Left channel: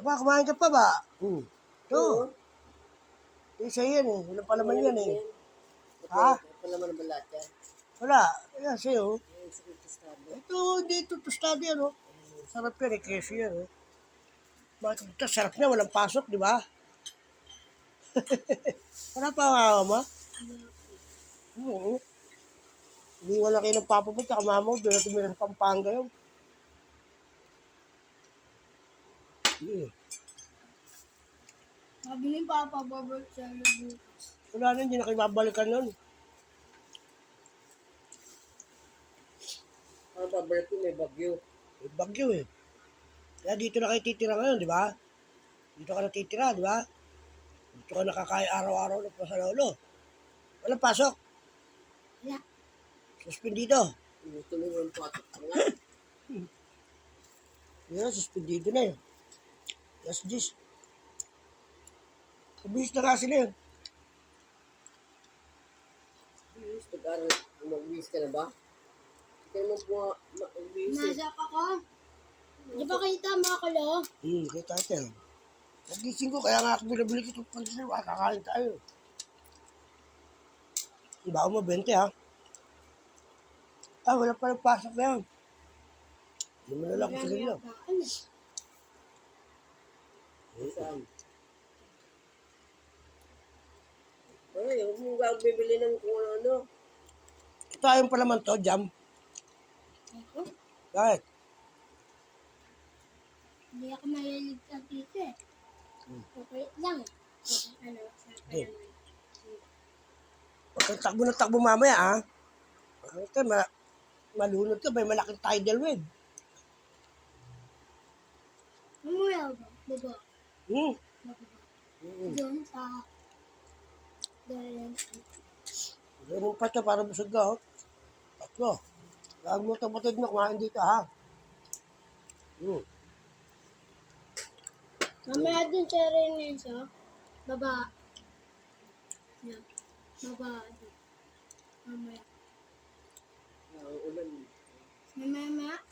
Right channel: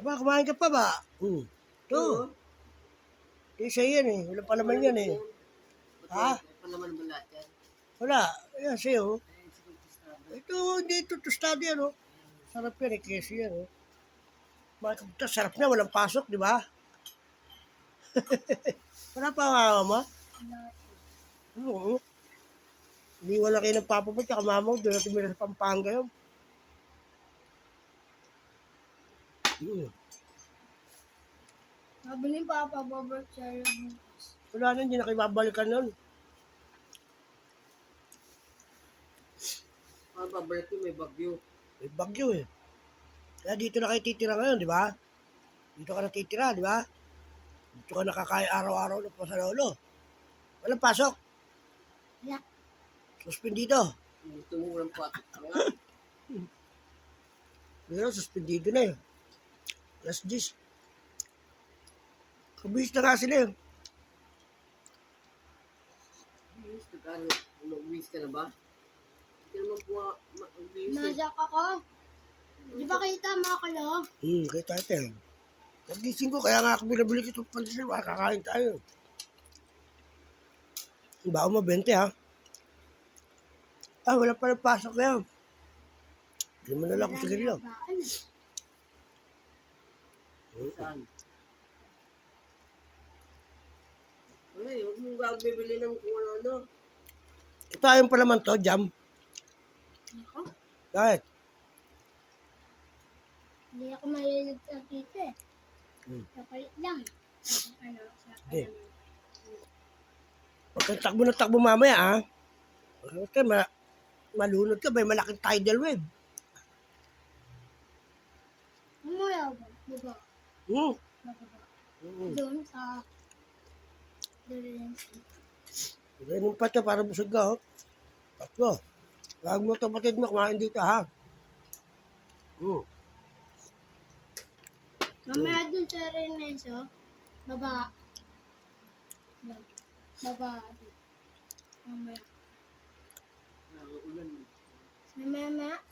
Aba, kumain ka pa ba? Ito. Oo. Ito isa yan eh. Walang palaman yan eh. Ha? Palaman ba lahat yan? Wala. Ayan sa'yo. Ay, sige, tostado. Ito, hindi ito tostado yan oh. Sarap yan eh. Keso yan oh. Ito, sarap na. Walang pasok, di ba? Wala pa ang awa mo? Oo. Hindi wala kayo ng papa mo, tsaka mama mo. Doon natin mila sa Pampanga yun. Sabi ni Papa, babalik sa'yo bukas. Wala na, hindi na kayo babalikan nun. Ang babalik ko may bagyo. May bagyo eh. Kaya dito na kayo titira ngayon, di ba? Dito ka na titira, di ba? Dito ka nakakaya araw-araw ng pasalolo. Walang pasok. Wala. Suspendido. Gusto mo walang patok ka nga. Pero suspendido na eh. Last dish. Kabis na nga sila eh. Bilis, nag-aral. Mag-bilis ka na ba? Hindi ka naman po mag-bilis eh. Nasak ako. Di ba kita mga kalo? Kita natin. Nagising ko, kaya nga ako binabalik itong pandesal. Kakain tayo. Baka mo 20 ha. Ay, wala pa rin pasok na yun. Hindi mo na lang ako sa ganyan. Saan? Ay, huwag mong bibili ng kung ano-ano. Ito ayun pa naman to, jam. Ako? Bakit? Hindi ako mahilig sa tito eh. Okay lang. Ano, sa Hindi. naman. Okay, takbo na takbo mamaya ha. Okay, malunod ka, may malaking tidal wave. Mamaya ba? Baba. Bababa. Doon sa... Ganun pa ito para busog ka, oh. Tatlo. Huwag mo ito batid mo, kumain dito, ha? Mamaya doon sa Renenso. Baba. Yan. Baba. Mamaya. Ulan. Mamaya.